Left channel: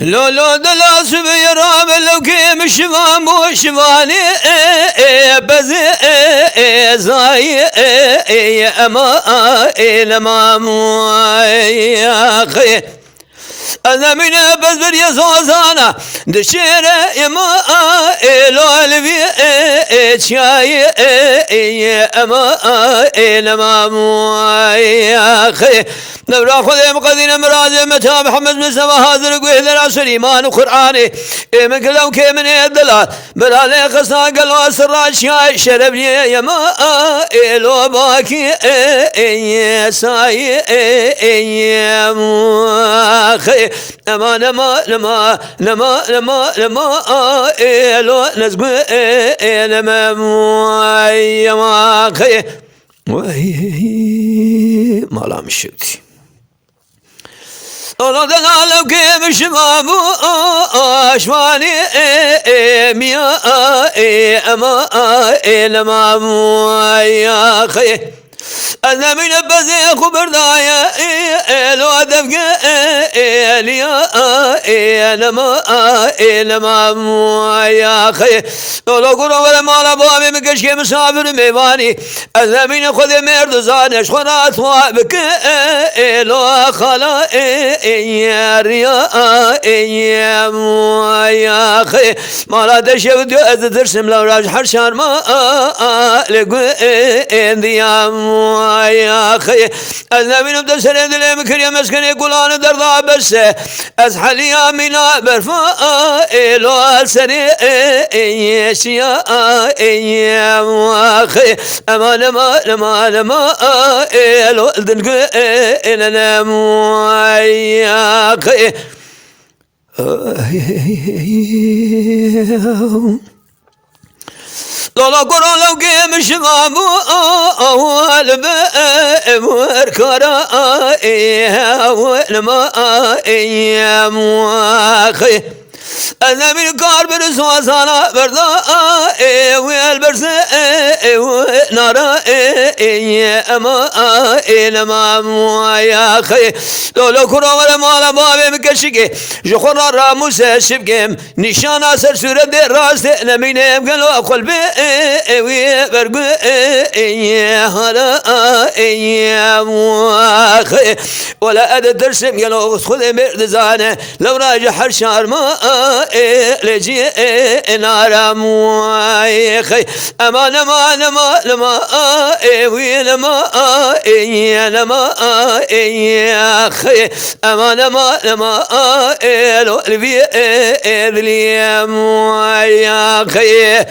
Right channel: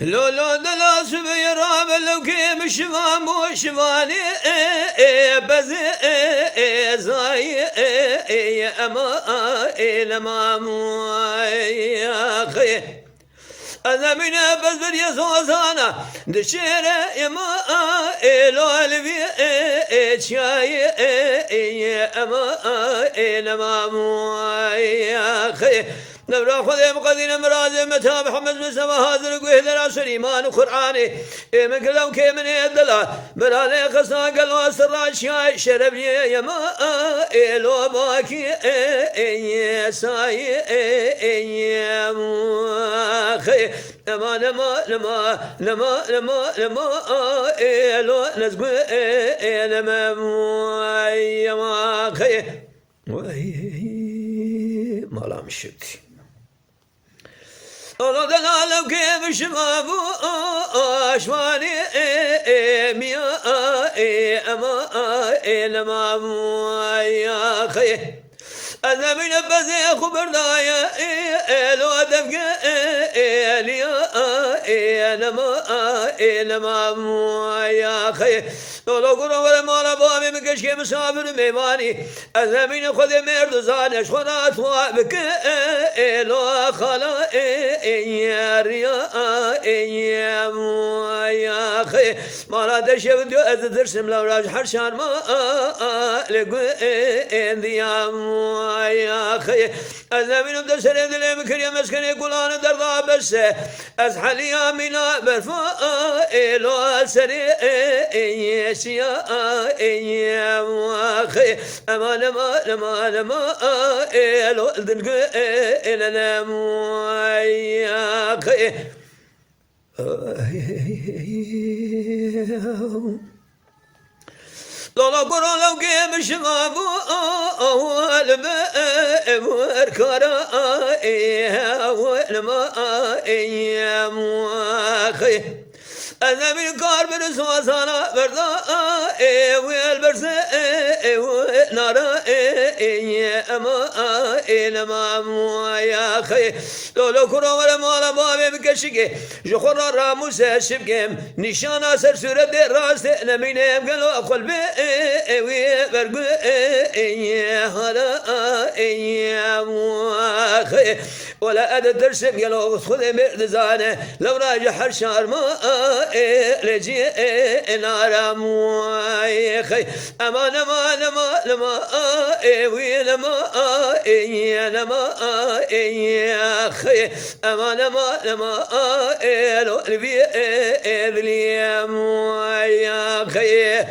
لو لو دلا سبيرام لو كيم شفام وشفاني بزي زاي اما لما يا خي أنا من بزر يزوزانا دشيرة يما إلو الفي شاي أما لما يا خي نبرا خذ مقدين مراد متى محمد مصطفى هذا قوي ذرا سليمان وقرآني من كلام كي من الدلال برالي قصا قلوا سر شاي شرب لي يما إلو باكي ساي يا خي لما لما لما لما لما لما إلو نزقي لما يا خي ما لا مشيتي الله تعالى كيف شبابو أشواني ميا أما لما يا خي أنا من بزي خبر دايا لو أدفق ليا لما يا خي لو قروا ولا مالا بابي مكشكي مسافر ميواني أنا من خذ مرد زانش خنا أثوابك لو خلا يا يا خي مالا دشود أذترسم لو راج حرشان ما لقوا انديام يا خي أنا من بدر سرد لي مكريم مسكن يقولان درضا بس أزحل يا منا برفا إلو سري يشيا يا خي أما لما إلو الدنق إلنا يا خي لولا قرا لو قيم شبابو أول بأمركرا ولما يا خي أنا من كار برسوا صانا بردا والبرس نارا أما لما يا خي لو كرا ولا مالا بابي مكشكي جخورا راموس شبكم نشانا سر سورة دي راست نمينم قلو قلبي برقو هلا يا خي ولا أدى درسم قلو خذ مرد زانه لو راجع حرشار ما لجي نارا موي خي أما لما ويلما يا خي أما لما لو البي اليوم يا خي